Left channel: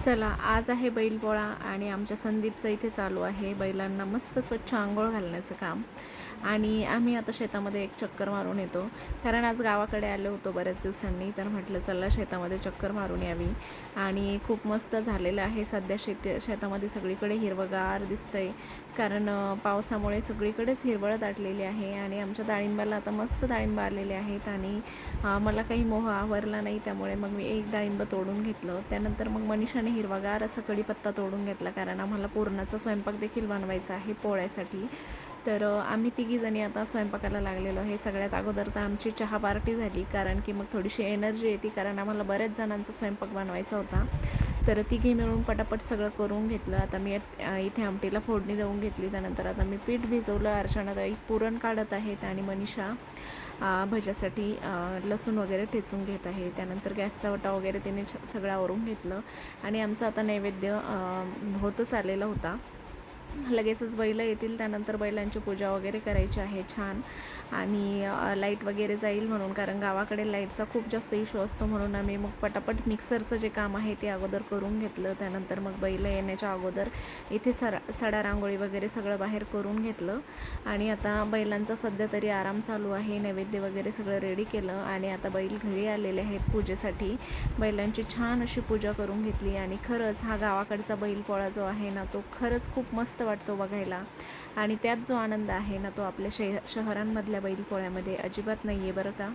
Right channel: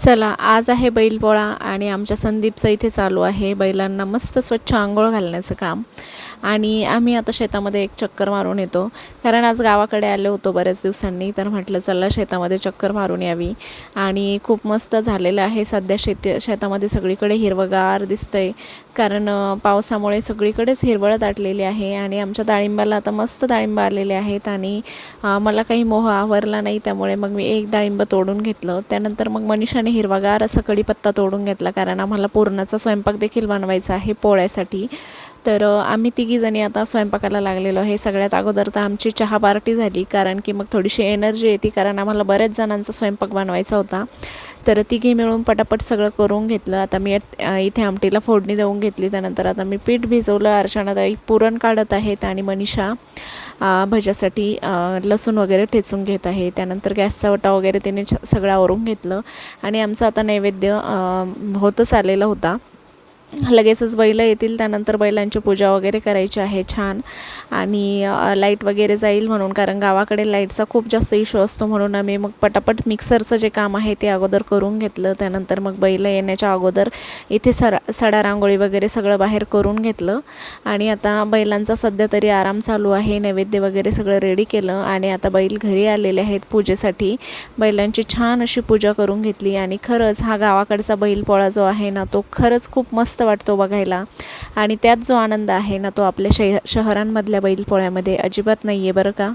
चला, आज आहे बैलपोळा आणि आमच्या संदीपचं इथे चालू आहे बैलांना मस्त स्वच्छ अंघोळ घालण्याचं काम. आणि आम्ही आता शेतामध्ये एक चक्कर मारून येतो, कारण आज गावाकडे आलो होतो बऱ्याच दिवसांनी, तर म्हटलं चला शेतामध्ये चक्कर मारून यावी. आणि खूप मस्त झालेलं आहे सध्या शेतामध्ये सगळीकडे हिरवगार दिसतंय, कारण पावसामुळे सगळीकडेच हिरवळ दाटलेली आहे. आणि आमच्या डाळिंबाला आता मस्त डाळिंब आलेले आहेत आणि मला काही मोह आवरला नाही, त्यामुळे मग मी एक डाळिंब तोडून घेतलं. त्यानंतर मग मनीषाने हिरवागार असा कढीपत्ता तोडून घेतला, कारण आम्हाला पुरणाचा स्वयंपाक देखील बनवायचा आहे पोळ्यासाठी. तर आम्ही तिघीजणी आता स्वयंपाकाला लागलेलो आहे. सगळ्यात अगोदर तर आमची चहा पार्टी झाली, कारण की मग थोडीशी एनर्जी येते, कारण आम्हाला बऱ्याच जणांचा स्वयंपाक बनवायचा होता. तर तिघी मिळून पटापट सगळं करून घेतलं. आता मी इथे आमटीला फोडणी देऊन घेतली. त्यानंतर आता मी पीठ भिजवलं, अर्चनाताई पुरण काढत आहेत आणि मनीषा भज्यासाठी लसूण वगैरे ठेचून घेत आहे. त्यानंतर गॅसचा वटा वगैरे तिने सगळं आवरून घेतलं आणि आमचं आता नैवेद्य होतच आलेला होता. लगेचच बैलं येतील, त्यानंतर बैलांची पूजा वगैरे करायची आहे छान. आणि लाईट वगैरे जाईल म्हणून, कारण गावाकडे लाईटचा खूप जास्त इश्यू असतो, म्हणून आम्ही मग पटापट मिक्सरचं जे काम आहे ते अगोदर करून घेतलं. त्यानंतर मग बैलं येण्याच्या अगोदर इथे सडा रांगोळी वगैरे सगळं बाहेर करून घेतलं. आणि आता बैलांचा सध्या तरी आराम चालू आहे. नैवेद्य वगैरे सगळं रेडी केलं आणि आता बैल घरी आलेले आहेत पूजेसाठी. बैलांची छान अशी पूजा करून घेतली. आणि खरंच हा गावाकडचा बैलपोळा जो आहे ना, तो खरंच खूप मस्त वाटतो बघायला. आणि त्यात जो आनंद आहे ना, तो आपल्या शहरांमधल्या बैलपोळ्यामध्ये अजिबात नाही आहे बरं का.